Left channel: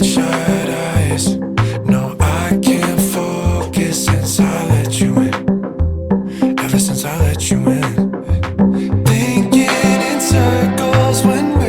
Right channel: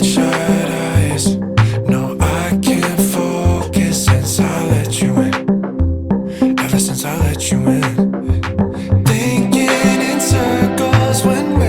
bloodshot eyes. No, I can't focus since I let you in. Ever since I let you in. Thinking in circles when